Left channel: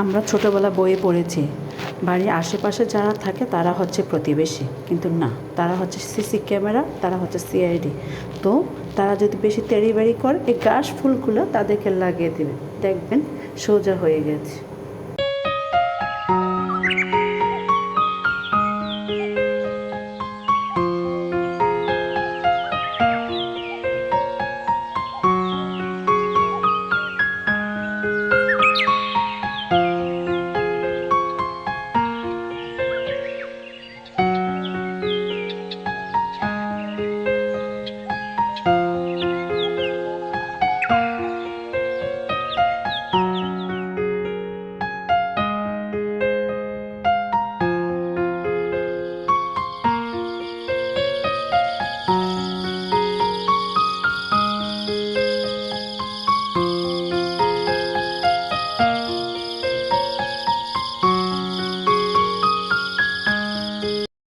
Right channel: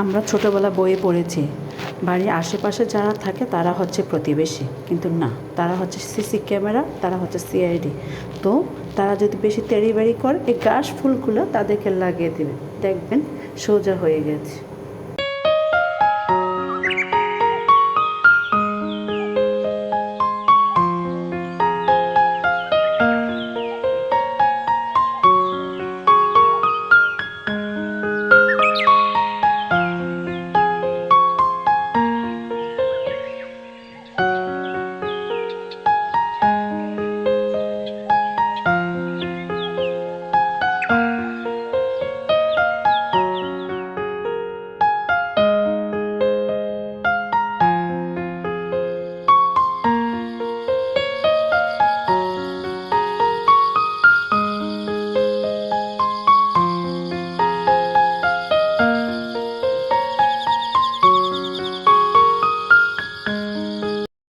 আমরা ছোটোবেলা বইয়ে পড়েছি বাড়ির আশেপাশে যারা থাকে তারা হচ্ছে প্রতিবেশী, কিন্তু না, তারা হচ্ছে সিসি ক্যামেরা, তারা হচ্ছে সিআইডি। তো তারা যদি বেশি তেড়িবেড়ি করে এই ঘাস ফুলগুলো তাদেরকে লাগিয়ে দেবে, দেখবেন সোজা হয়ে গেছে।